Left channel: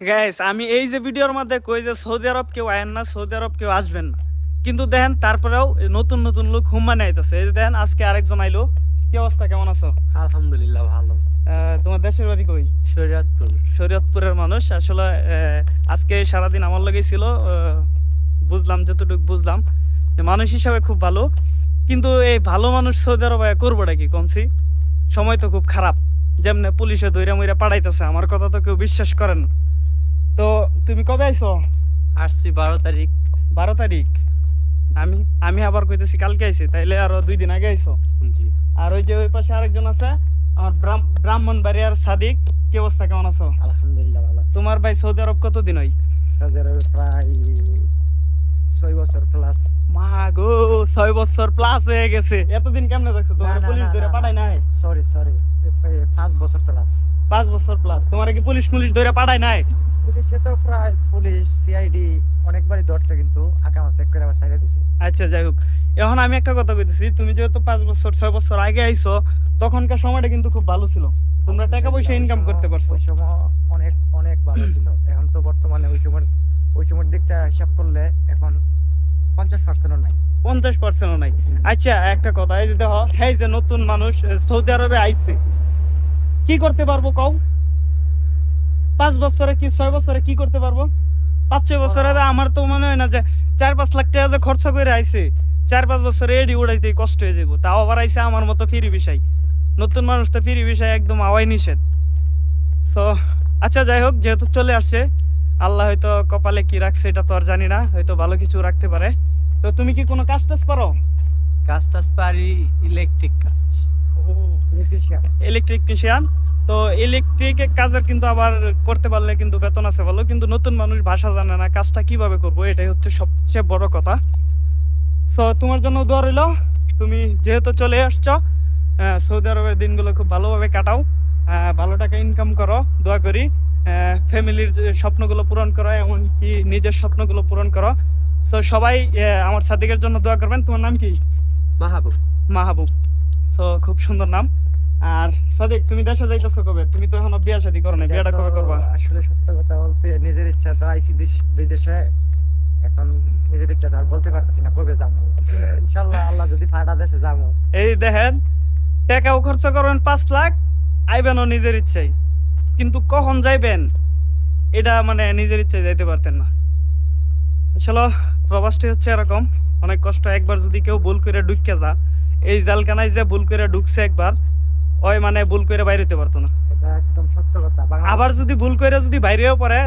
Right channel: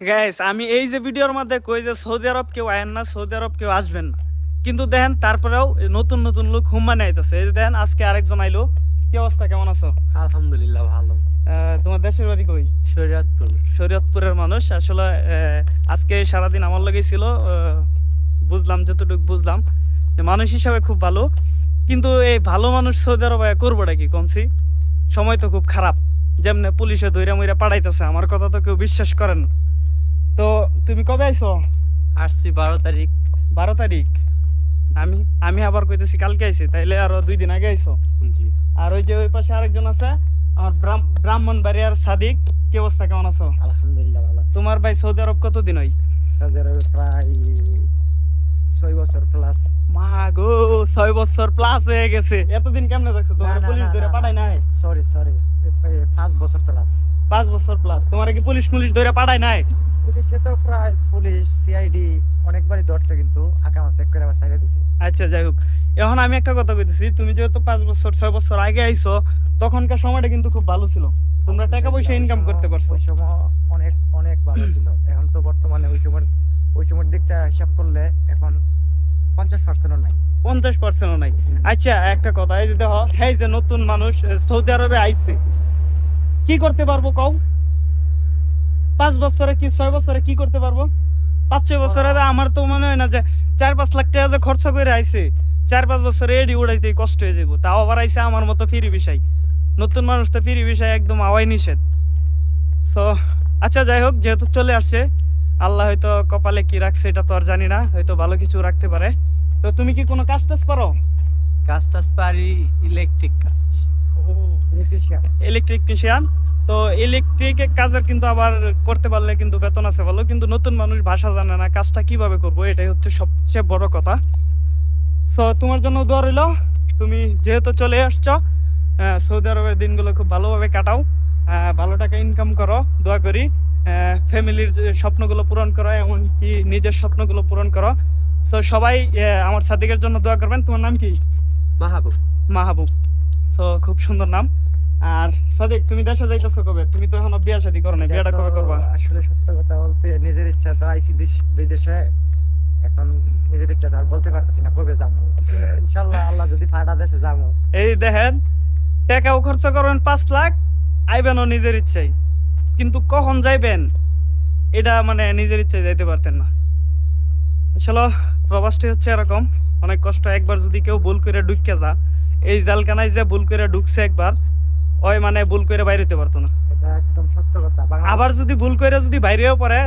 Guys আমি এই যে ভিডিওর মধ্যে কই যে সৌদি আরব কেউ আয়েন না, সৌদি আরব কেউ আসবেন না, কিন্তু দেখেন তারপরেও এই নতুন নতুন লোক হুম্মানে আইতেছে। এই যে দেখেন আজকে আরেকজন আইলো। কি অবস্থা, কেমন আছো? আলহামদুলিল্লাহ ভালো। তোমার দেশের বাড়ি কই? শরীয়তপুর। শরীয়তপুরের মানুষ আসলে। আজকে সারাদিন আমার লগেই ছিল। বুঝলাম যতটুকু বুঝলাম যে মানুষ হিসাবে খুব ভালো, কিন্তু এই ভালো মানুষ সৌদি আরবে করবোটা কি কমছি? সময় তো খুব খারাপ। যেমনে পুলিশে দইরা মইরা পাঠাইতেছে, আমার কথা তো কেউ বিশ্বাস করেন না। তো তুমি কবে আইছো? আসছি 12 তারিখ। 12 তারিখ? আমি আমি আবার কইতেছি কালকে আইছি, তাইলে আরো 2 দিন আগে আইছো। জি আর ওই যে ওই পাশে আরেকজন আছে, আমার ব্রাহ্মণবাড়িয়ার সাদিক। কি অবস্থা, কেমন আছো? আলহামদুলিল্লাহ ভালো আছি। তোমার ভাই সৌদি আরব কতদিন হয়? সৌদি আরবে প্রায় 6 বছর প্লাস। মা গো, 6 বছর প্লাস হয়ে গেছে। এতদিন কেমনে থাকছো? না তোমার না পুলিশ না ধরে না পাঠায় নাই? সরি সরি, 5 বছর প্লাস। 5 বছর প্লাস তোমার কি পুলিশ ধরে পাঠায় নাই? পুলিশে তো প্রায় পুলিশ সিআইডি অনেকবারই ধরছে, কিন্তু আকামা চেক করে আবার ছাইড়া দিছে। আচ্ছা, যাই হোক। এখন আমি একটা কথা কইতেছি, তুমি যেহেতু 5 বছর 6 বছর আগে আইছো, তখনকার সময়টা কিন্তু খুব ভালো ছিল। তোমরা টাকা পয়সা ইনকাম করতে পারছো। ওই সময় অনেক অনেক ভালো ছিল। এখন তো বর্তমানে ওই সময়ের দিকটা হিসাব করলে এখন 50%-ও নাই। 50%ও নাই। আচ্ছা, একটা কথা, এই যে দেখো, এই যে নতুন মানুষ সৌদি আরবে আইছে, কি করতে পারবো কও? 5 বছরে কি 6 বছরে কি করতে পারবো? 5-6 বছরে তো আমার তো মনে হয় না যে 4-5 লাখ টাকা যে খরচা করে আইছে, 4-5 বছরে এডি উড়াইতে কষ্ট হয়ে যাবো। তাও আবার আইছে আমার মতো ফ্রি বিষয়। নতুন মানুষ তো ফ্রি বিষয় একদম আওয়াই নিষেধ। সো আচ্ছা, যাই হোক, যেহেতু চলে আসছে, আল্লাহ হয়তো কপালে কি রাখছে এটা তো আর জানি না, হয়তো ভালো কিছু রাখতে পারে। তো তুমি কি কোনো কাজ টাজ পারো? কাজ টাজ পারি, ইলেকট্রিক কাজ। ইলেকট্রিশিয়ান। ইলেকট্রিশিয়ান? তো ইলেকট্রিকের কাজের কিন্তু আবার করতে পারলে কিন্তু বেতন আছে ভালো, কিন্তু নতুন মানুষ ভাষা জানে না, কাজটা কিভাবে করবো এটাই হচ্ছে সবচেয়ে বড় কথা। সো তোমার জন্য দোয়া রইল। তুমি যেহেতু চলে আসছো, সৌদি আরবের দিনগুলো খুব ভালোভাবে কাটাও, ভালো টাকা ইনকাম করো, দোয়া করি। ফ্যামিলির স্বপ্নগুলো পূরণ করো, এমনকি নিজের স্বপ্নগুলো পূরণ করো। সো সবাই আমার সাদিকের জন্য দোয়া করবেন। তোমার নাম কি? মাহবুব। মাহবুব। সো খুব সুন্দর নাম। আর সাদিক, তুমি দেশে যাইতেছো কবে? তুমি তো এখনো বিয়া শাদী করো না, বিয়াটা কবে করবা? আসলে সত্য কথা বলতে নিজের ইচ্ছা তো আইসি বিদেশে। এখন নিজের ইচ্ছা তো আর বলতে পারতেছি না কবে যাবো। ইনশাল্লাহ আল্লাহ যদি ফাটা দেশে যাবো। এই দেখেন, টাকাও খরচ করবেন 5 লাখ, আইবেনও নিজের ইচ্ছাই, কিন্তু কখন যাইবেন এটা মানে নিজের ইচ্ছায় যাইতে পারতেন না। আসলে প্রবাসটি হচ্ছে এরকম, অনেক কষ্ট। একবার যদি কেউ ভুল করে ঢুকে যা, এই জালখানায় যে ভুল করে ঢুকছে একবার, ওই মানে ভুল করে বাইরে হতে পারতো না। এটা একদম সত্য কথা। আবার যদি ভুল করে যদি বাইরেও পড়ে,